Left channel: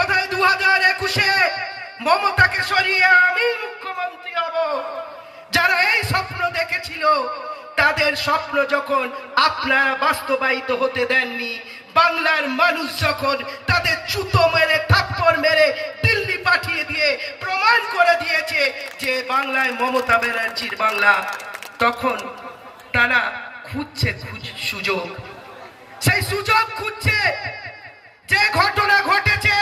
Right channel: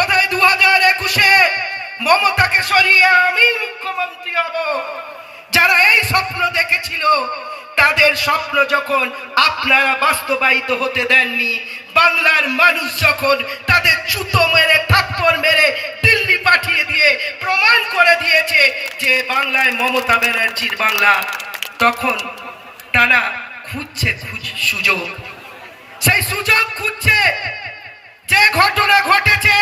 বোধহয় দু হাজার একুশে মমতাকে সরিয়ে আমি মুখ্যমন্ত্রী হব। যারা এই স্বপ্ন দেখেছিল, তাদের স্বপ্ন যখন আপনারা বাস্তবায়িত হতে দেননি, বাংলার মানুষ যখন তাদের জুতো মেরে, থাপ্পড় মেরে দিল্লি পাঠিয়ে দিয়ে প্রমাণ করে দিয়েছে যে বাংলায় মমতা ব্যানার্জির বাংলা, তখন তারা খুঁজছে সুযোগ। সেই সুযোগ খুঁজছে যে ঘটনা ঘটেছে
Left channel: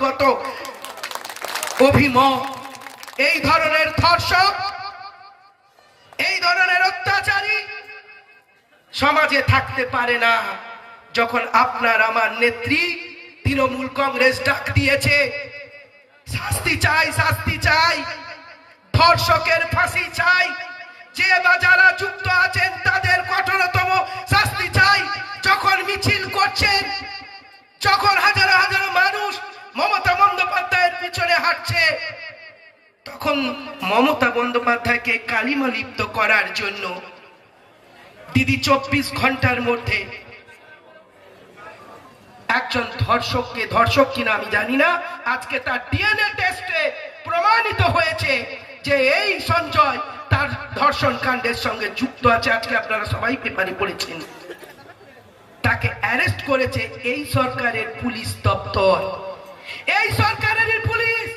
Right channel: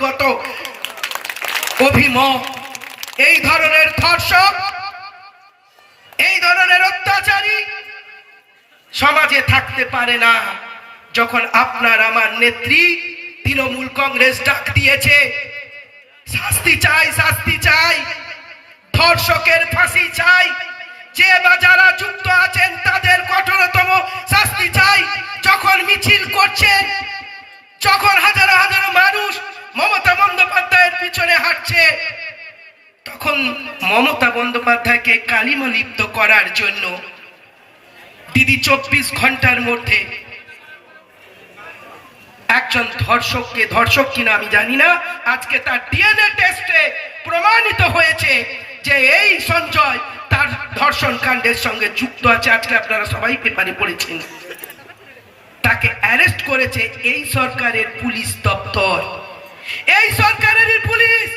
ব্যক্তিগত অভিমত। এই ধরনের ধর্ষক, এই ধরনের অত্যাচারী সমাজে থাকতে পারে না। যখন আপনার আমার নেত্রী তৃণমূল কংগ্রেস ডাক দিয়েছে, শাস্তি চাই শাস্তি চাই, ধর্ষকের ফাঁসি চাই, যে বা যারা বন্দ্যোপাধ্যায়ের পিছনে হাঁটছে। তখন মমতা বন্দ্যোপাধ্যায়কে কালিমা লিপ্ত করার জন্য দিদি চব্বিশ ঘণ্টার মধ্যে একজন ধর্ষককে ধর্ষক কিনা আমি জানি না, আজকে তার ডিএনএ টেস্টে প্রমাণিত হয়েছে যে এই সঞ্জয় তার ধর্ষণ কাণ্ডের সঙ্গে যুক্ত আছে, আজকে আপনারা সবাই পেপারে পড়েছেন। তাকে অ্যারেস্ট করেছে এই সরকারের পুলিশ দপ্তর। এই সরকারের পুলিশ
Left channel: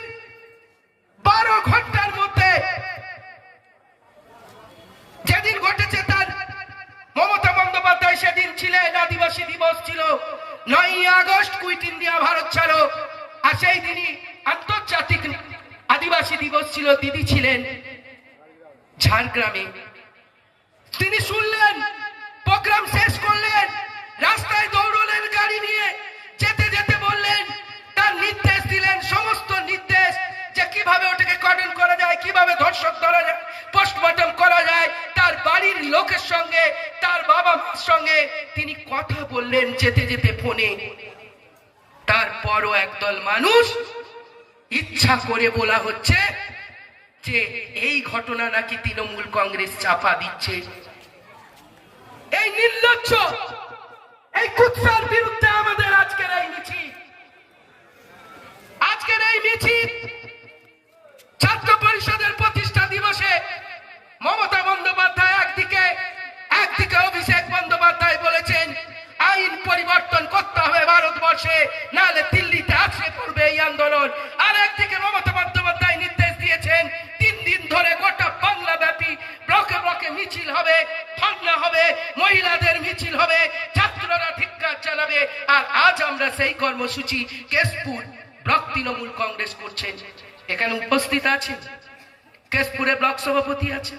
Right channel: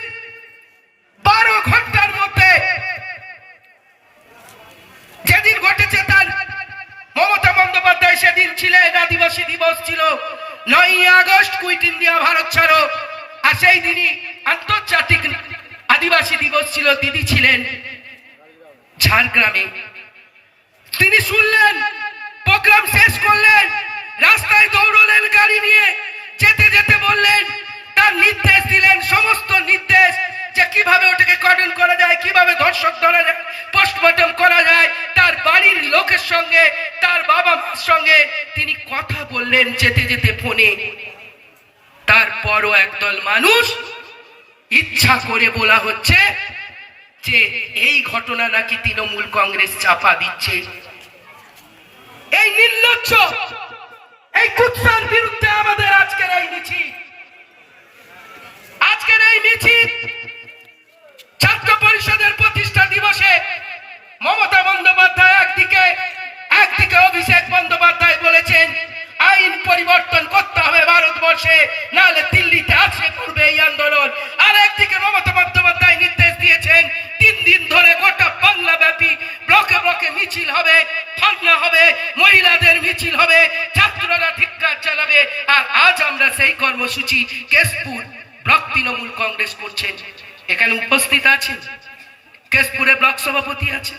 বারো ঘণ্টার মধ্যে যেদিন ঘটেছে তার, মমতা বন্দ্যোপাধ্যায় সেদিন ছিলেন, আদিবাসী দিবস ছিল। নয় আগস্ট কুইট ইন্ডিয়া ভারত ছাড়ো। আর সেই দিনই আন্তর্জাতিক আদিবাসী দিবস ছিল, দিদি ছিলেন ঝাড়গ্রামে। তিনি শুনলেন, প্রোগ্রাম শেষ করলেন, রাস্তায় দৌড়লেন, গাড়ি নিয়ে কীভাবে ধর্ষক ধরা যায় পোস্টমর্টম করা যায়, তার বাড়ির লোকের সঙ্গে, তার বাবা মার সঙ্গে। তিনি কথা বললেন যেতে যেতে ফোনে। তারপরও একদল মানুষ ইচ্ছা করে বলা হচ্ছে যে এই ঘটনা নাকি তৃণমূল কংগ্রেস চাপা দিচ্ছে। এই নির্লজ্জ, এই কুৎসার বিরুদ্ধে আমাদের আজকের এই মিছিল। আজকের এই মিছিল মমতা বন্দ্যোপাধ্যায় একদিকে একদিকে অভিষেক বন্দ্যোপাধ্যায় বলেছেন, আইন পরিবর্তন করতে হবে ভারতবর্ষে নাহলে দিল্লিতে আছড়ে পড়বে এই আন্দোলন। আর একদিকে মমতা বন্দ্যোপাধ্যায় নির্দেশ দিয়েছেন, তিন দিন ধরে গোটা বাংলা ব্যাপী ব্লকে ব্লকে মিছিল হবে, ধর্ণা হবে, মহিলাদের মিছিল হবে, ছাত্ররা ধিক্কার চালাবে আর আজ আমরা সেই কর্মসূচি কেশপুর ব্লক তৃণমূল কংগ্রেস করছেন। এখানে উপস্থিত আছেন? কেশপুরে ব্লক সভাপতি আছে